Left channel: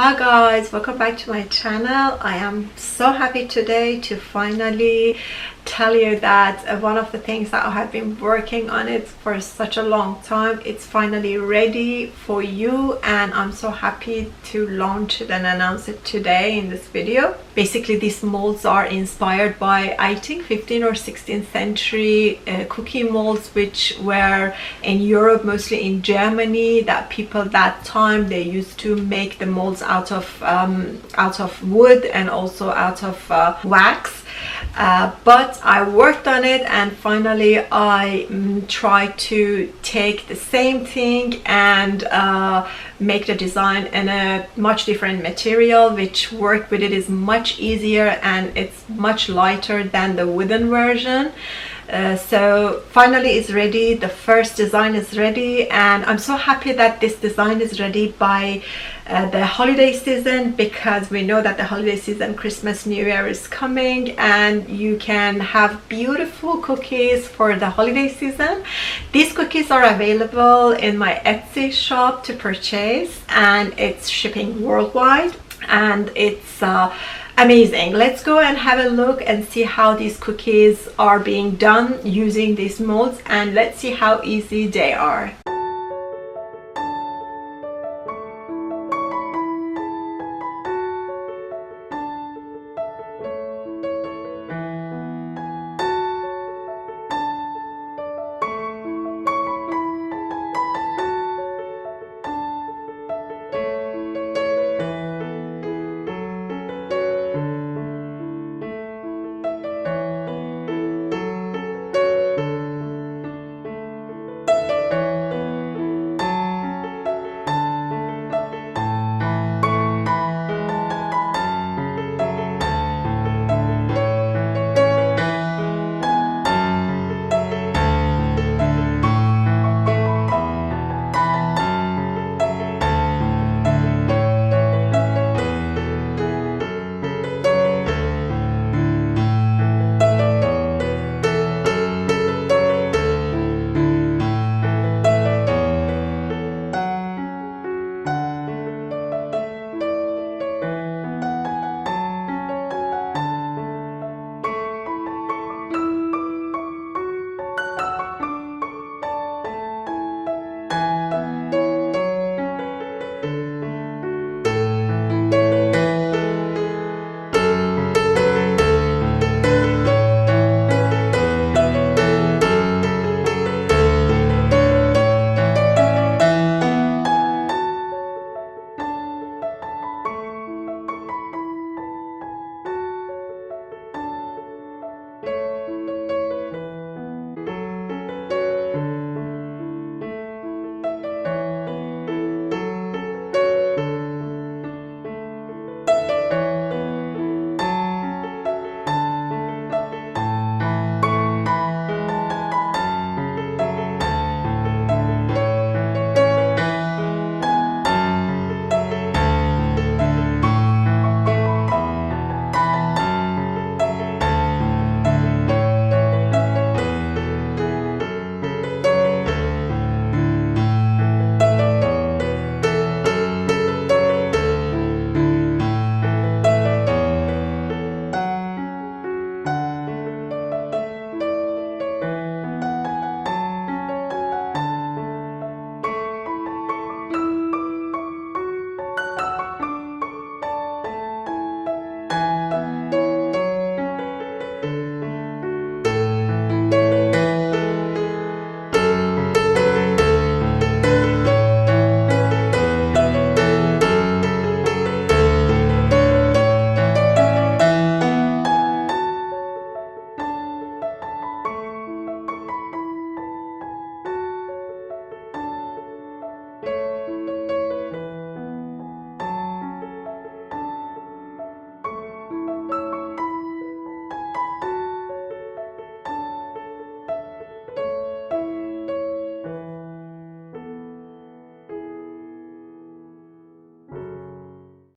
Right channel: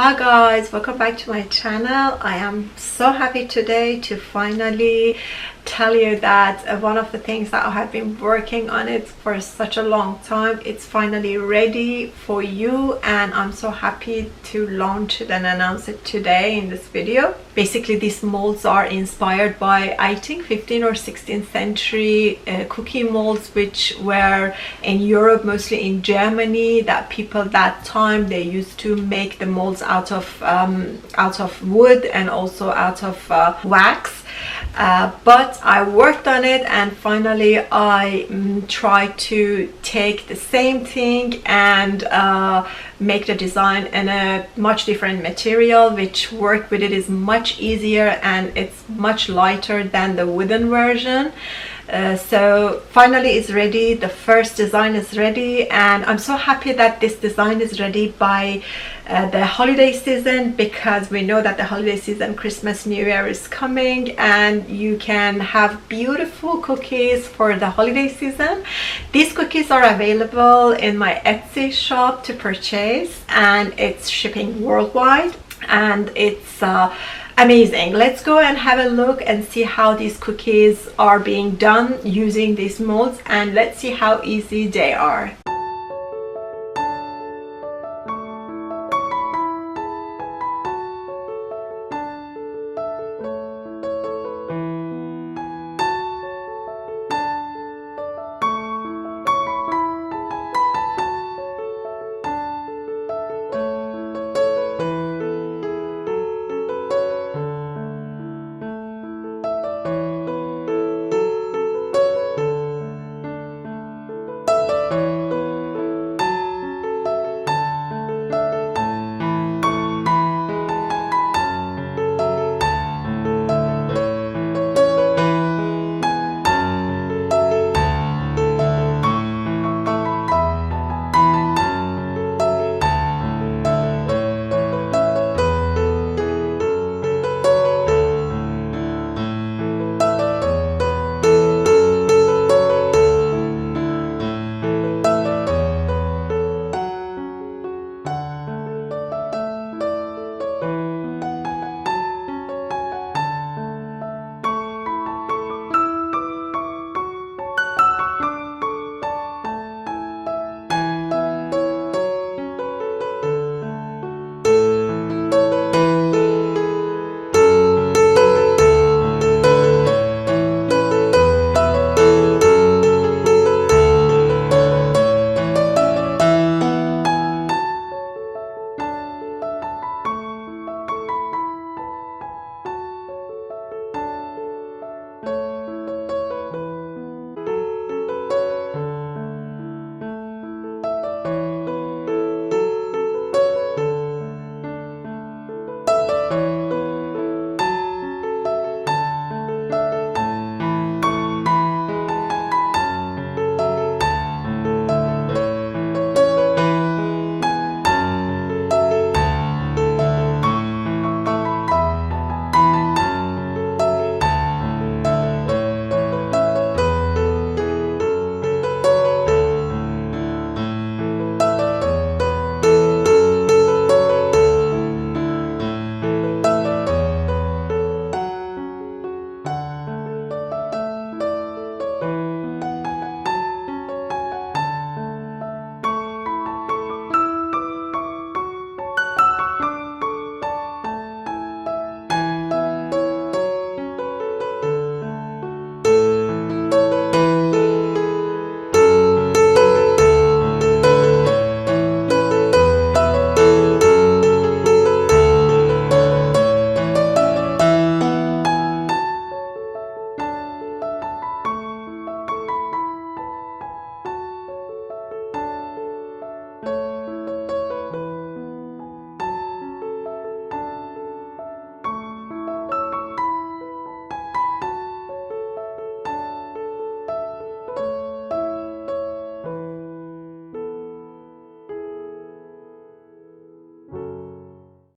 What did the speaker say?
Hi guys, welcome back to my channel. I am so happy today to finally tell you that one of the things that I have been working on it for such a long time, it's finally ready for you, and I'm so happy to launch it and announce it today in this video. Basically, these molds are inspired by, I think, 15th or 16th century cookie molds, which were in Europe, mostly in Germany, that people that time they used to make the molds out of wood and also out of wax. But I worked on it, and finally I tried to take the same thing and make the design in a much different material, which work with it is much easier and it's much lighter than the wooden version. So finally it's ready. The first design is ready, and I'm so happy that this design is ready by the holiday season, because we know that the holiday season, Christmas, New Year is coming, and you can have beautiful cookies for the holiday season. These cookies are available in my Etsy shop to purchase, and it's shipping worldwide, and it's amazing. Let's go and have a look and see how these cookies are being done using these molds, and let's see how easy they are.